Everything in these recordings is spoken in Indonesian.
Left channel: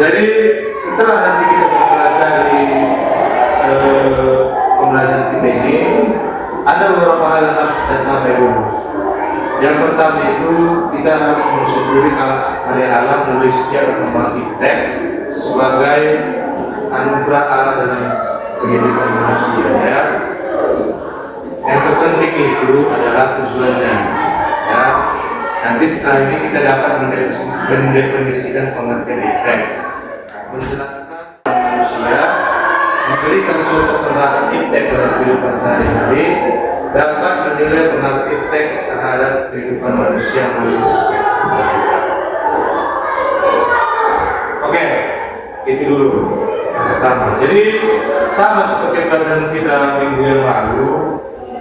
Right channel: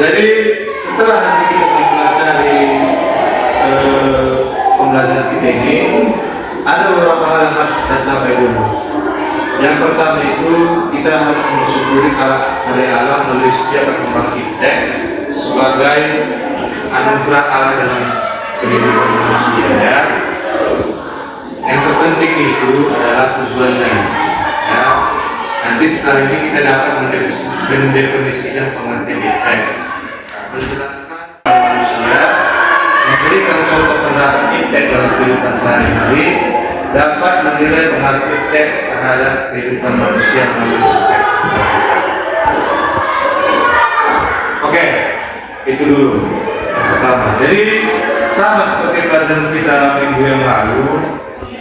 Jadi setelah nanti kita mempelajari pembelajaran kita ini, ada beberapa hal yang harus kita capai dulu. Yang pertama itu kita harus mensyukuri karya Allah melalui setiap perkembangan kita sebagai anugerah Allah dalam kehidupan manusia. Ya. Yang terpenting itu adalah tujuannya. Ya. Nanti sekarang ini kita dapat mendefinisikan pengertian iptek, menjelaskan manusia, memberikan contoh penerapan iptek dalam kehidupan sehari-hari, dapat menilai pengaruh iptek terhadap kehidupan manusia melalui perspektif. Oke, itu dulu yang pertama. Jadi sama seperti pelajaran kita minggu yang lalu,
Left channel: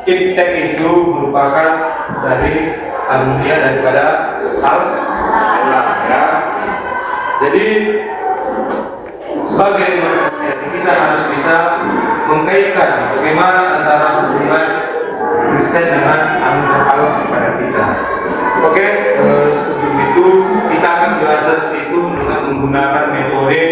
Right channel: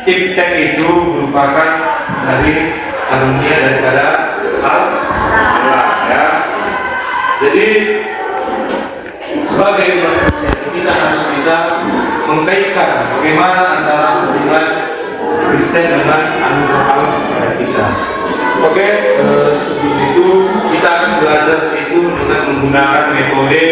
iptek itu merupakan dari anugerah daripada Allah, ya. Jadi sebagai manusia kita harus bisa mengkaitkan bagaimana antara hubungan Kristen dengan anugerah Allah kepada kita. Oke, sebelum itu kita akan belajar itu dengan menggunakan metode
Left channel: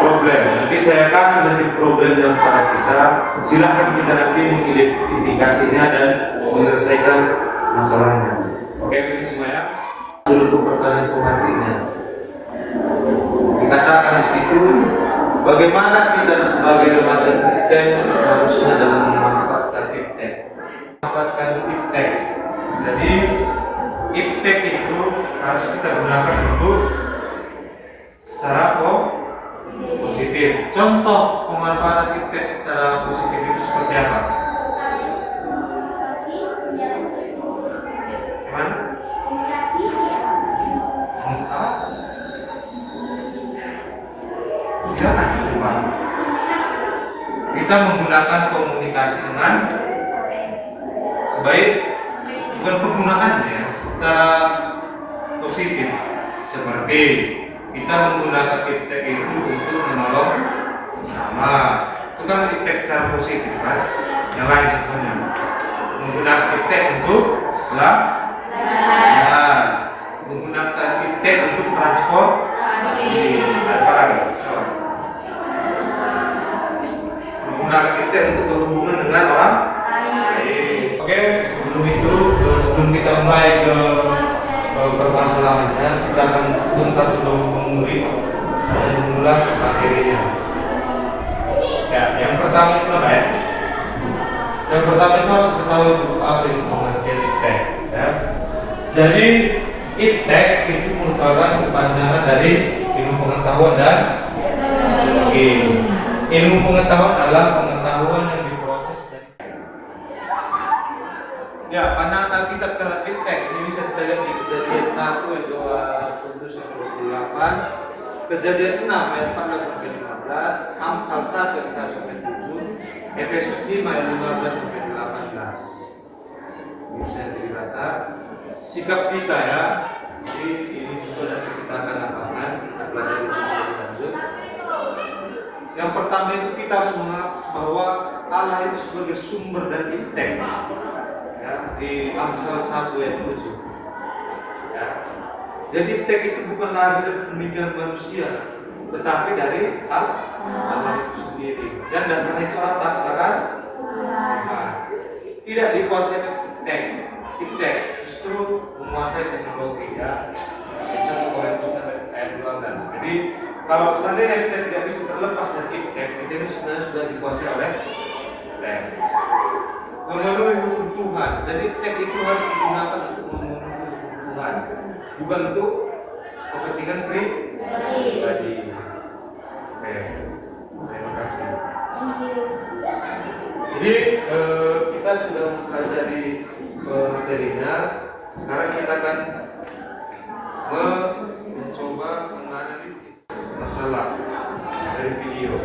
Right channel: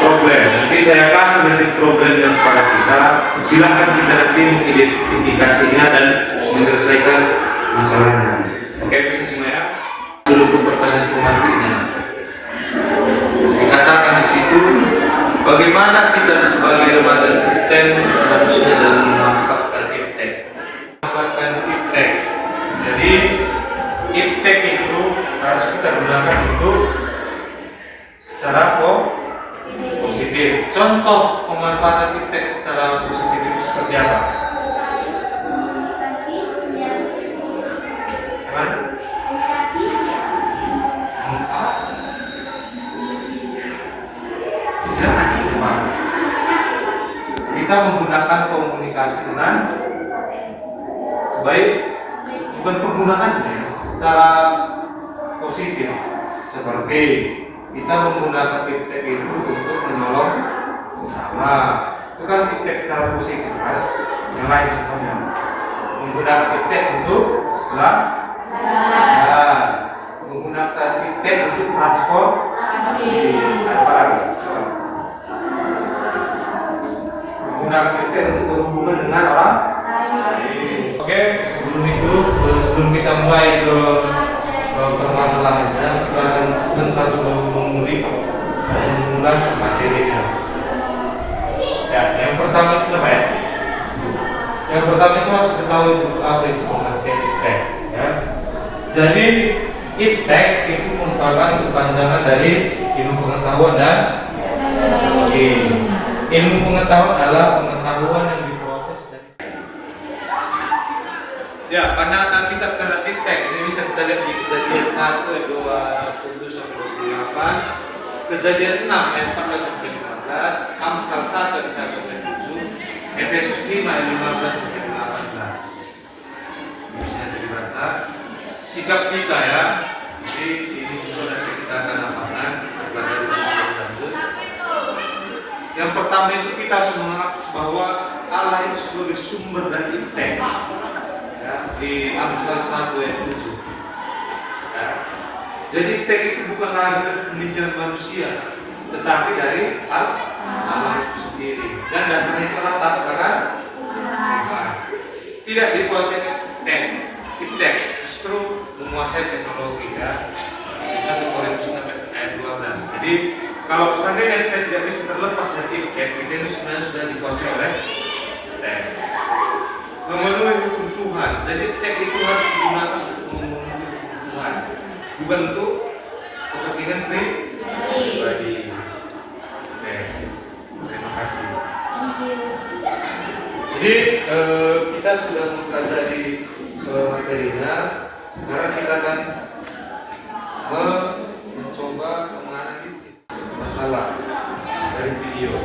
problem. Nanti saya kasih nanti problem yang pada kita. Silakan kita nanti mengidentifikasinya dan menyelesaikan masalahnya. Oke, bisa semua ya. Dulu pertanyaan pengantinnya. Dikatakan di situ, bagaimana kita sebagai remaja Kristen harusnya dalam memanfaatkan iptek. Memanfaatkan iptek. Jadi iptek itu harus kita gunakan untuk secara positif. Contoh pemanfaatan iptek secara positif itu seperti apa? Kita menggunakan komunikasi dengan sebaik, bukan penggunaannya secara positif, seperti kita menggunakan iptek itu untuk menolong sesama. Itu kan iptek secara positif kan? Yang lain contohnya menggunakan iptek untuk menggunakan iptek untuk transportasi. Apa lagi? Menggunakan iptek untuk berhubungan dengan orang lain. Oke, sebelum kita mulai ke permasalahannya, kita akan sebentar mengulik dan mengulas materinya. Ya, yang pertama itu apa ya? Yang pertama itu harus ketahui apa itu pengertian iptek. Ya. Jadi iptek itu merupakan kepanjangan dari ilmu pengetahuan dan teknologi. Ilmu pengetahuan adalah pengetahuan yang diproses dari. Ya, karena Alkitab terhadap iptek ini bisa kita lihat di Kejadian 1 ayat 27 sampai 28, Kejadian 6 ayat 14 sampai 15, Amsal 1 ayat 1 sampai 7, Efesus 5 ayat 15 sampai 18. Ini bisa dibaca. Sikap kita ya. Jadi ini juga nanti kita akan amalkan, kita pelajari lebih lanjut. Yang pertama itu kita harus menganggap bahwa Allah itu sebagai sumber dari iptek. Ya, di Amsal 1 ayat 7. Ya. Jadi iptek itu bukan hasil pemikiran manusia, tetapi dari Allah itu sendiri. Dan dasarnya itu Allah tak kan? Tidak dikuasai iptek, justru menguasai teknologi ya. 1 Korintus 6 ayat 12. Jadi kalau seandainya kita tidak bisa terlepas dari iptek, kita ini sebenarnya sudah dikuasai oleh iptek. Memenuhi hukum Tuhan. Jadi iptek itu harus digunakan untuk memenuhi hukum Tuhan, bukan untuk kepentingan pribadi. Oke, terima kasih. Jadi kita sudah mempelajari materinya. Sekarang kita akan mencoba menganalisis masalah dari video.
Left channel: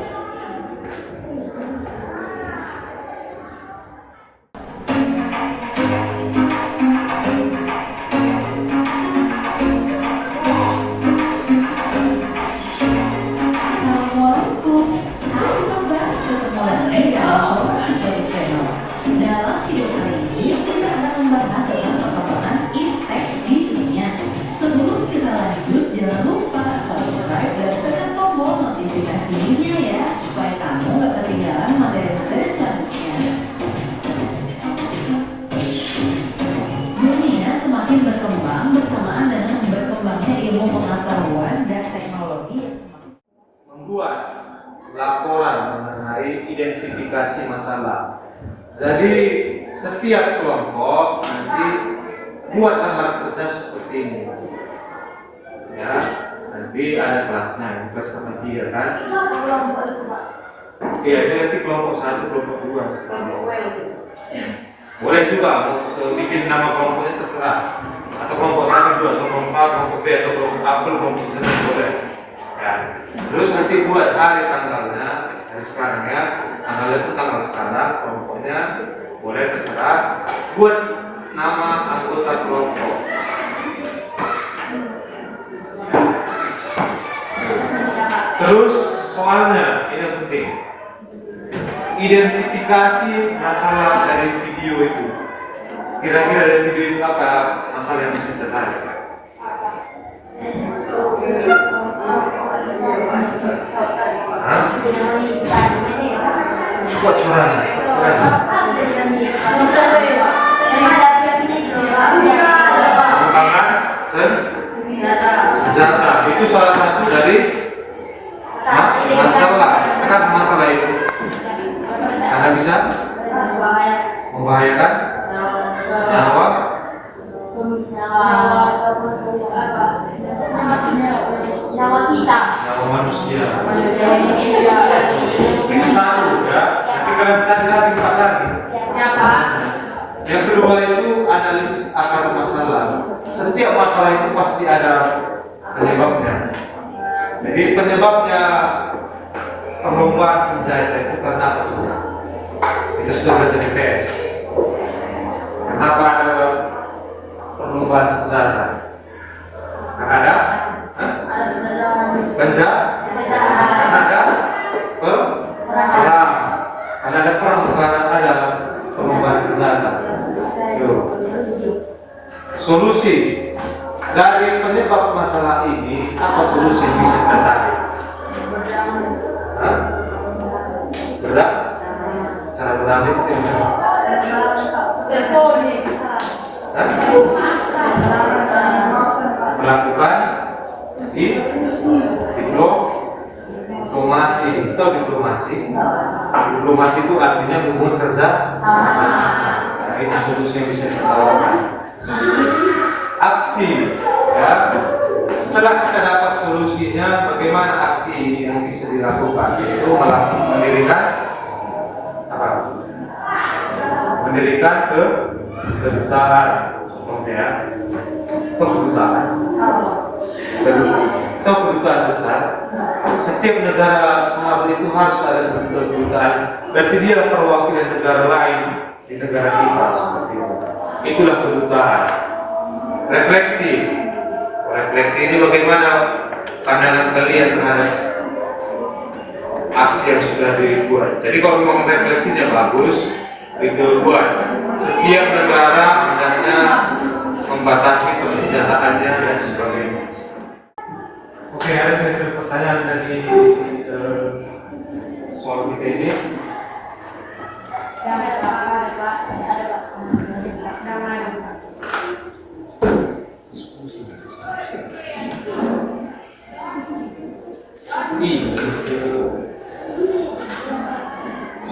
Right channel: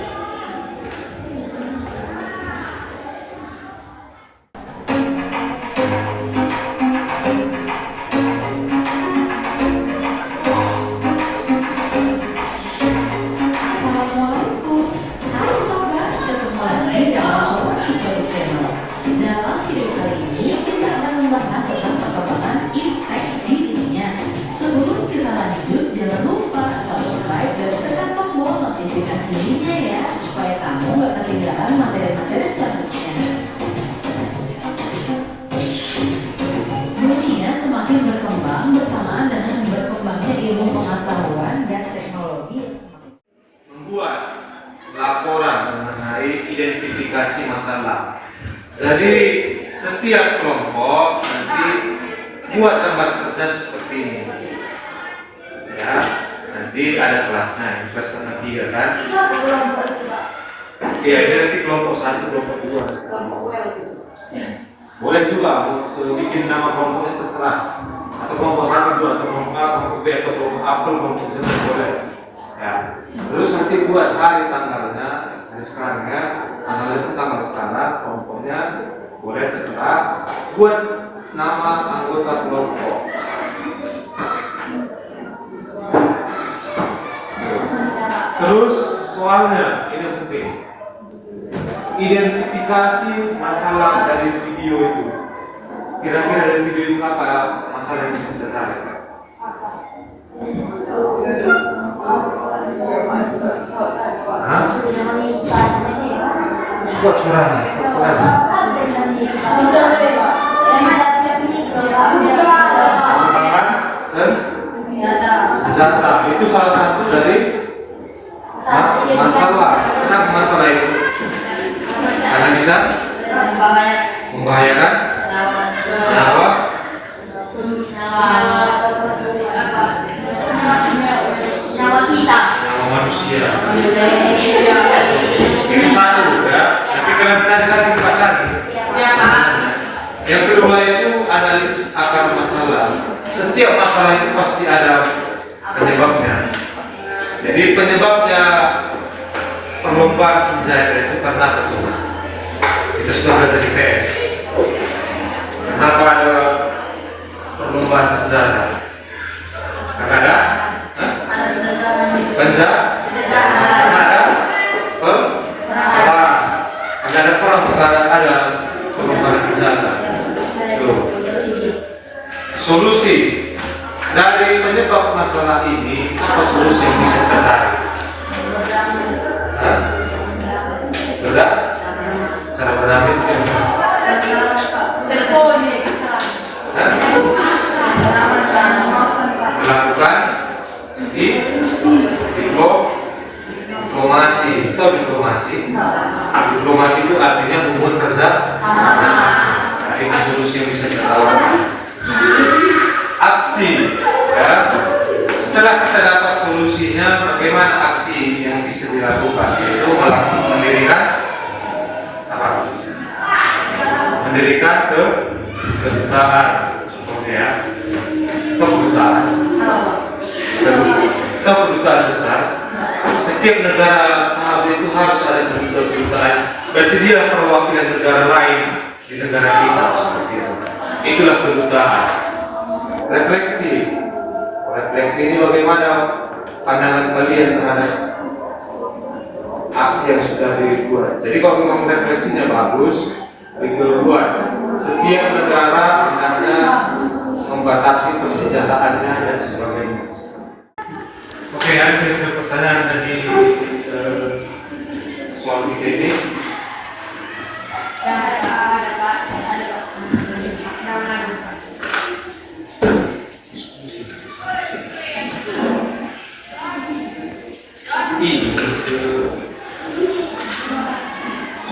Dalam video kali ini kita akan membahas tentang perkembangan iptek di aplikasinya ya, supaya kamu nggak ketinggalan materi-materi selanjutnya. Dunia semakin berkembang bersamaan dengan berkembangnya ilmu pengetahuan dan teknologi yang semakin membuat laporan mengenai identifikasi masalah. Jadi setiap kelompok nanti buat gambar kerja seperti ini. Ya, nanti ada kelasnya, ini kelas sama 3 kan? Iya, ini nanti kelompok 1, kelompok 2. Boleh juga mau bikin nama kelompoknya terserah. Atau kelompok 1, 2, atau kelompok A, kelompok B, atau kelompok A, kelompok C, boleh. Ya. Terus nanti buat hari tanggalnya, hari sekarang ya, tanggalnya itu tanggal sekarang, kelompoknya boleh terserah. Buat nama anggota kelompok. Terus soalnya ini penting. Identifikasi masalah dari video itu. Kira-kira dari video itu apa masalah yang bisa tertarik? Kuat suaranya. Pengembangan senjata. Itu salah satu dari masalah. Kenapa masalah itu? Karena bisa membahayakan nyawa manusia. Itu satu ya. Tapi kalian cari lagi 4 lagi. Yang kedua itu analisis akar masalah. Setiap masalah itu pasti ada penyebabnya. Jadi penyebabnya perlombaan senjata itu karena apa coba? Kita sudah belajar di PS. Kenapa ada perlombaan senjata? Karena ada karena ada perang. Karena ada perang, karena ada perlombaan senjata. Solusi dari penyebab masalah ini, apa solusi yang bisa tertarik? Berat? Cara berdamai itu melakukan diplomasi. Atau diplomasi itu artinya hubungan kerja. Nah, ini solusi yang bisa kita tawarkan. Aksi, ya. Setelah kita dapat solusinya, bagaimana aksi yang bisa dilakukan? Yaitu mendirikan apa? Mendirikan kedutaan, contohnya ya, kedutaan besar. Setiap negara sahabat itu harus ada kedutaan. Berarti dia perwakilan negara lain di negara kita seperti itu. Itulah kedutaan. Refleksi ini bagaimana pandangan kalian terhadap aksi yang sudah dibuat. Jadi kalau memang refleksinya bagus, dibuat. Setiap negara hendaknya membatasi persenjataannya dan sebagainya. Oke, ada pertanyaan dari soal ini.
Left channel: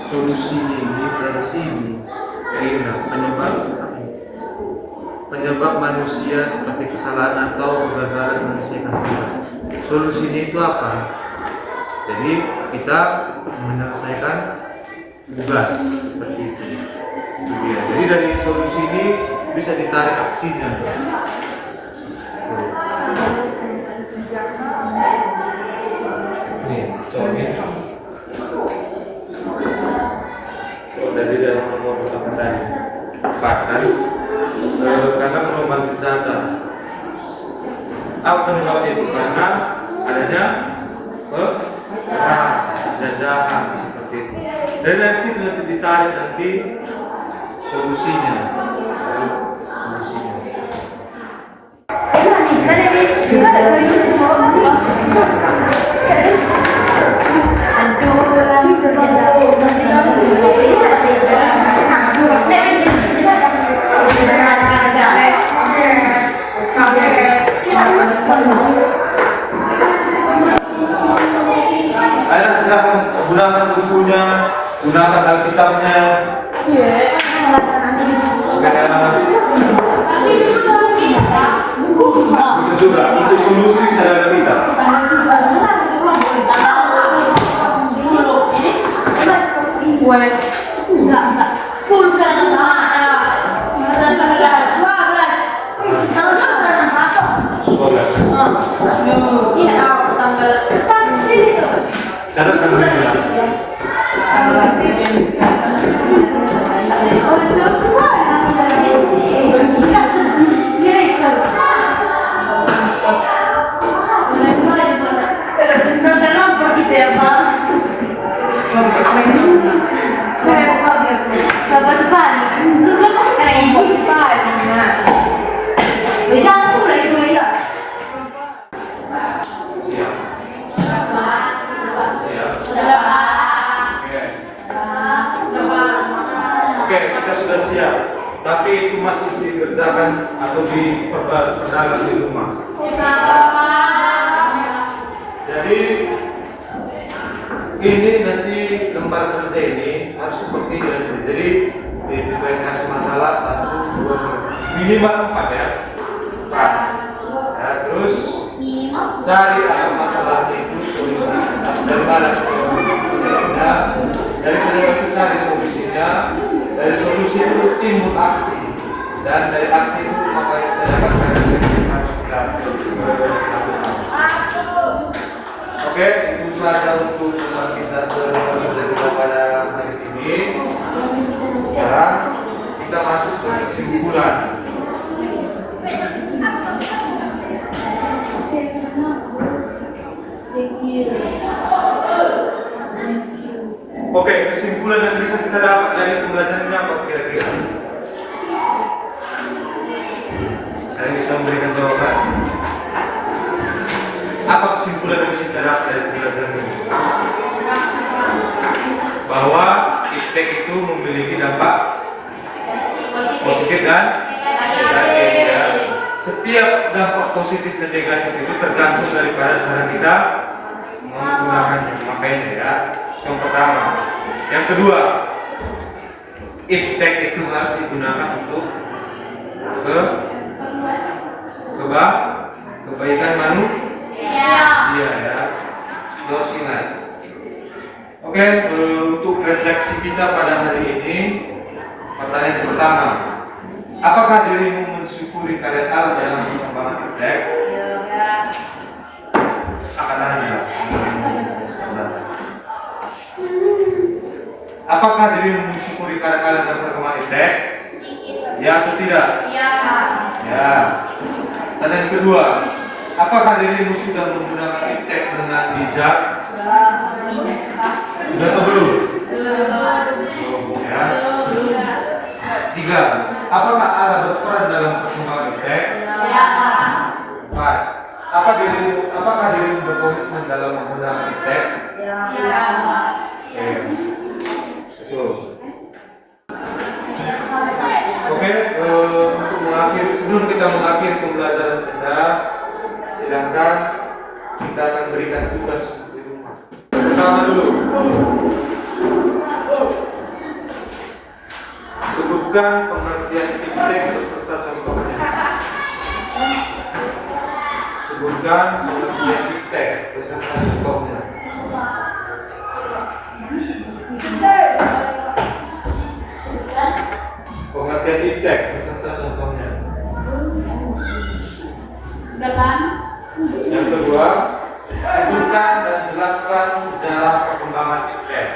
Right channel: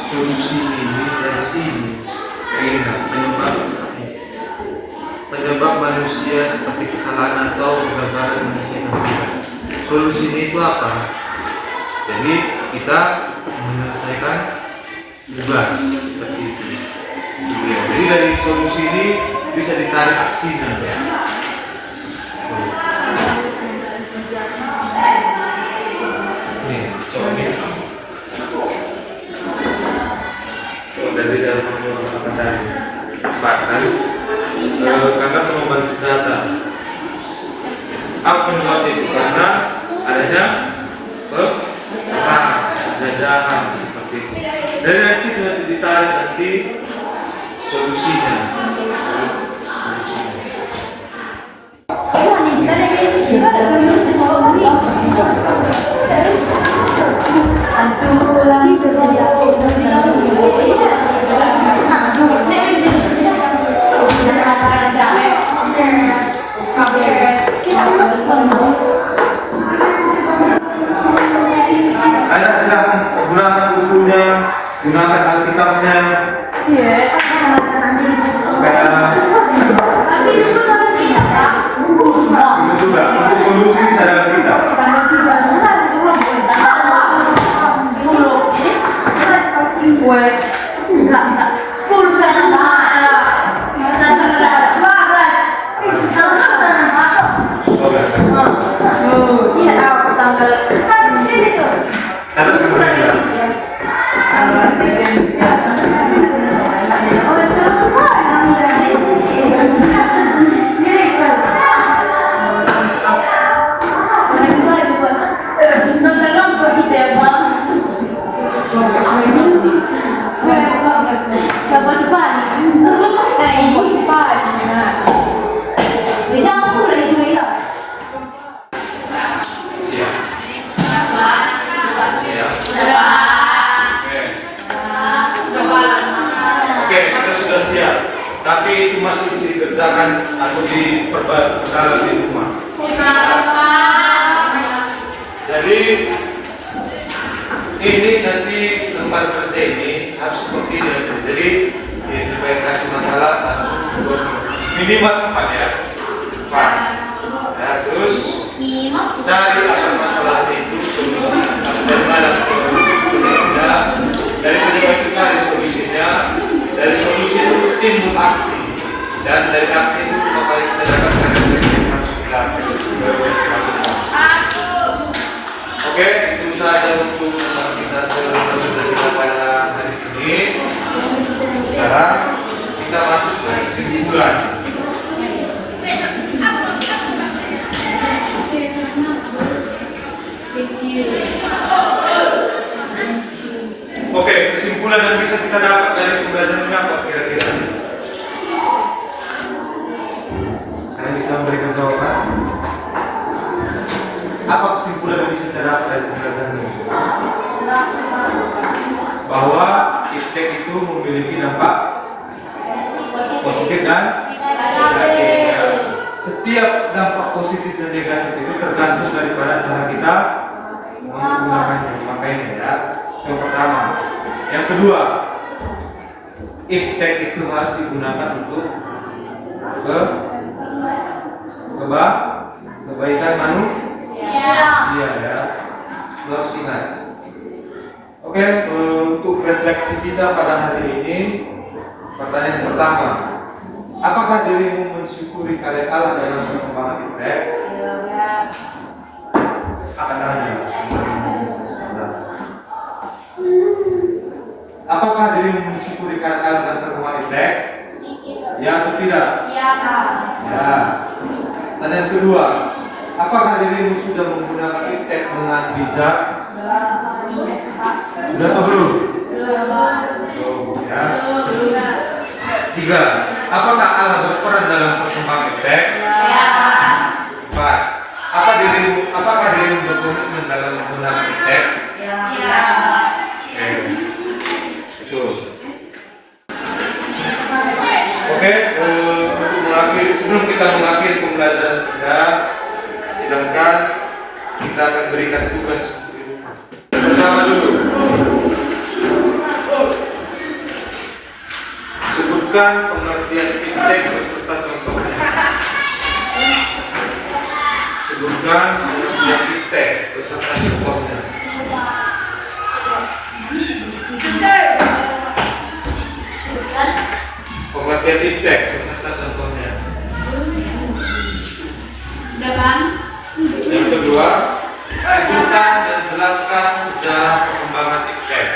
Solusi ini dari sini penyebab manusia seperti kesalahan atau kegagalan menyelesaikan tugas. Solusi ini itu apa? Jadi kita menyelesaikan tugas seperti itu. Jadi dari solusi ini bisa ditarik aksinya. Nih, coba ini. Dari dalam perlombaan bahkan karena perlombaan senjata. Apa penyebabnya itu? Karena adanya perang, jajahan seperti itu. Dari situ nanti ditarik nanti solusinya. Ini nih, kan ini juga ada Anak silakan gunakan bukunya, gunakan Alkitabnya. Itu juga untuk solusi saudara kita. Catat kamera. Oke, kita sudah siap. Tapi itu masih dikerjakan atau diperdalam di rumah. Jadi ini nanti lembar kerja ini harus seperti ini. Jadi kita kasih masalah 1, 2, minimal 4 ya. 4. Ya, terus cari apa masalah itu solusi. Dari mana? Dari kedua itu cari solusinya. Dari solusi itu timbul aksi. Dan dari aksi itu maka kita dapat karya yang harus dilakukan. Oke, itu saja untuk kita kita pada hari ini. Sekarang kita masuk ke kesimpulan. Oke, kesimpulan yang bisa kita dapat dari pembelajaran ini apa kira-kira? Kalian bisa memberikan jawaban? Apa kesimpulan yang bisa kita dapat dari pembelajaran ini? Bahwa iptek itu memiliki dampak positif dan negatif. Setiap dampak positif dan negatif itu tergantung daripada cara kita menggunakannya. Makanya ya, yang pertama. Yang kedua, iptek itu harus digunakan untuk kebaikan manusia ya. Terus ingat. Oke, untuk refleksi kita pada hari ini, pertanyaan pertama, apakah dirimu mensyukuri karya Allah dalam perkembangan iptek? Akan tanya. Apakah dirimu mensyukuri karya Allah dalam perkembangan iptek? Ya atau tidak? Ya. Pertanyaan kedua, apakah dirimu sudah menggunakan iptek dengan bijak? Sudah atau belum? Belum. Ya. 3. Apakah Allah berperan dalam perkembangan iptek? Ya. 4. Apakah dirimu berkomitmen dalam menggunakan iptek? Ya. Oke. Itu. Oke, untuk mengakhiri, sebelum kita mengakhiri pembelajaran kita, sedangkan kita akan berikan tugas di rumah. Pertama dulu, sebutkan pengertian iptek beserta contohnya. Sebutkan pengertian iptek beserta contohnya. Pengertian iptek beserta contohnya. Yang kedua, sebutkan dan jelaskan sejarah perkembangan iptek.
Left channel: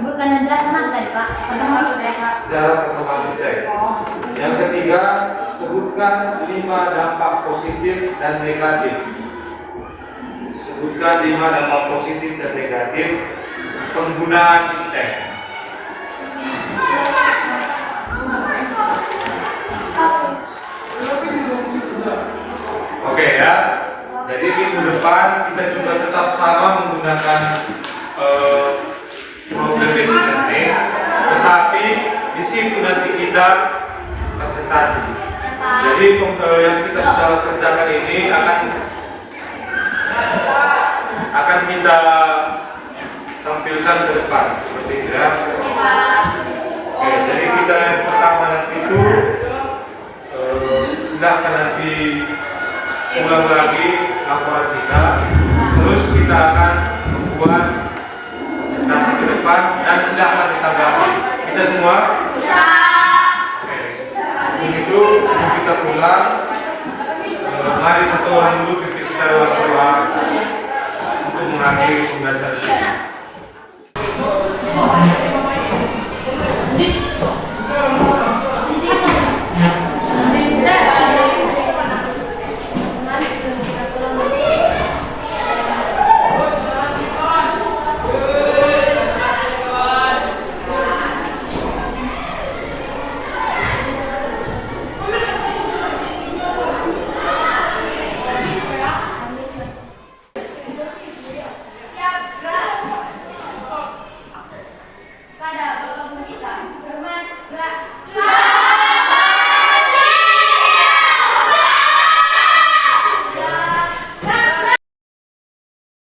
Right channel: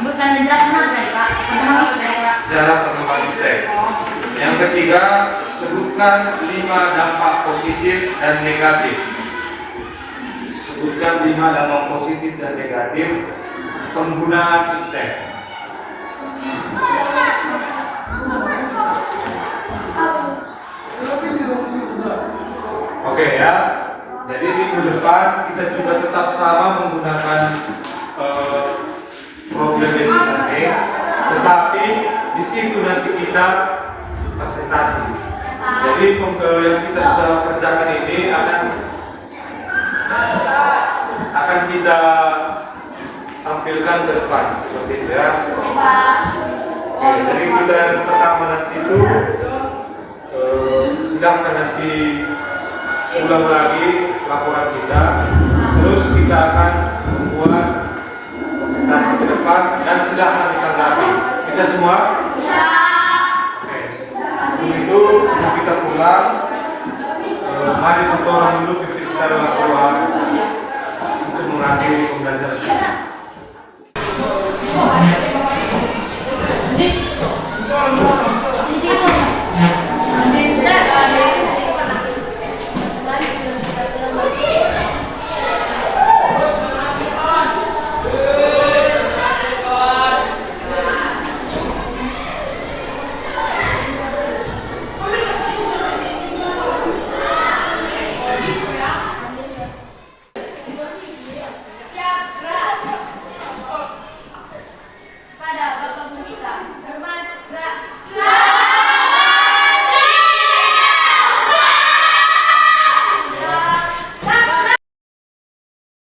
Sebutkan dan jelaskan apa ya, Pak? Sejarah perkembangan iptek. Yang ketiga, sebutkan 5 dampak positif dan negatif. Sebutkan 5 dampak positif dan negatif penggunaan iptek. Oke ya. Jadi minggu depan kita juga tetap sama menggunakan problem basic learning, tetapi di situ nanti kita presentasi. Jadi yang kita sudah kerjakan ini akan kita tampilkan ke depan seperti itu ya. Oke, jadi kita yang pertama nanti itu silahkan nanti ulang lagi laporan kita, terus kita akan membuat presentasi ke depan dan silahkan ditanggapi. Bisa semua? Bisa. Oke, sebelum itu sebelum kita pulang, mari satu orang dulu kita dalam doa untuk mengakhiri pembelajaran kita.